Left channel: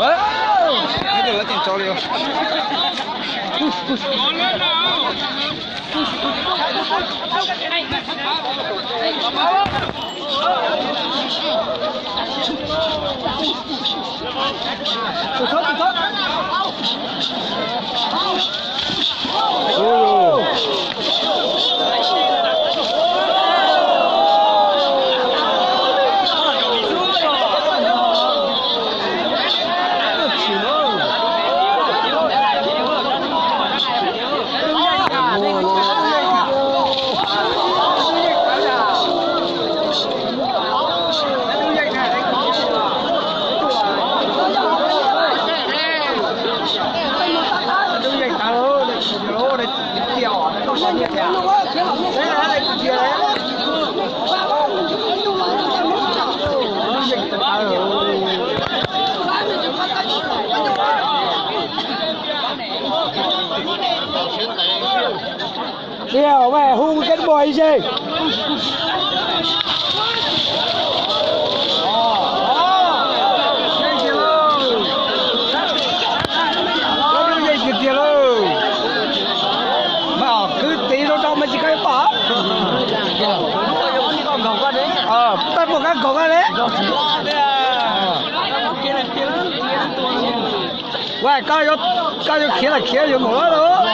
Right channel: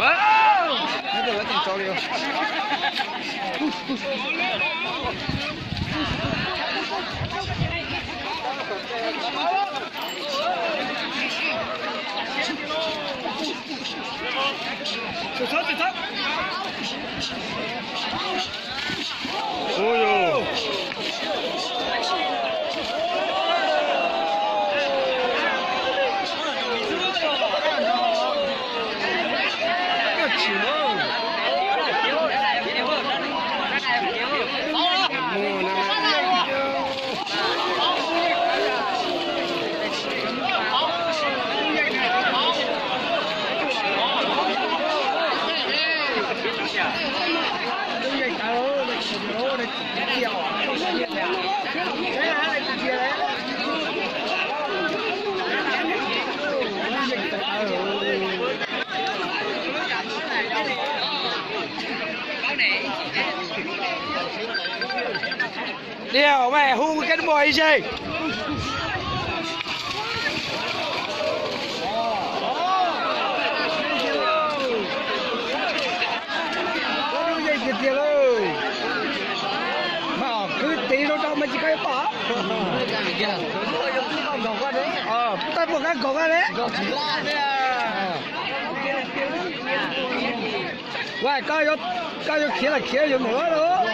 这个挺着力。走操，走操。哦哟。 Điều mẹ hung cái bòi gì? Cứ tí nó trong mà chỉ cái bỏ. Tay một cái cổng đấy. Vậy coi cho kia là kia rồi nữa đó.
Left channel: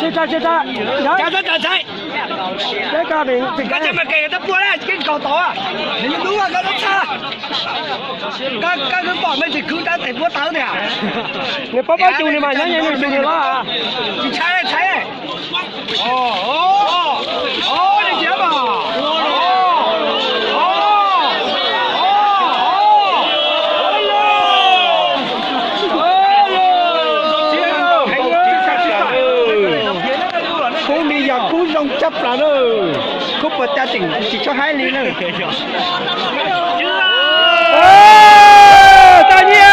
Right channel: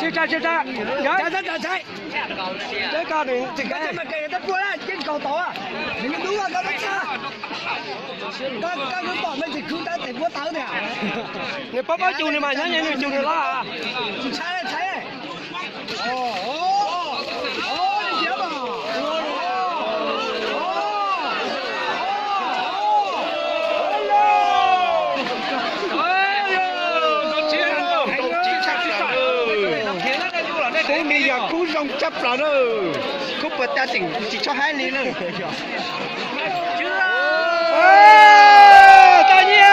Chưa ca, cá rất là chạy. Cái ca mình thì cái mà kể nó bua đấy, cái cầu to à. Đúng rồi, cái nó xa. Cái nó bỏ mấy thì cứ đã thể bua táo này à. Người bắp chủ này mà nhá nhá chủ này đó à. Chị chạy này. Này chị mà. Cú rong chấp là nó cú bật ta tỉnh chỉ cho 2 ly nữa. Ta nhiên.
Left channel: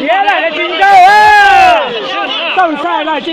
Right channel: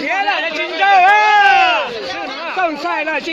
Kia lại là chính đâu á. Không sai là chính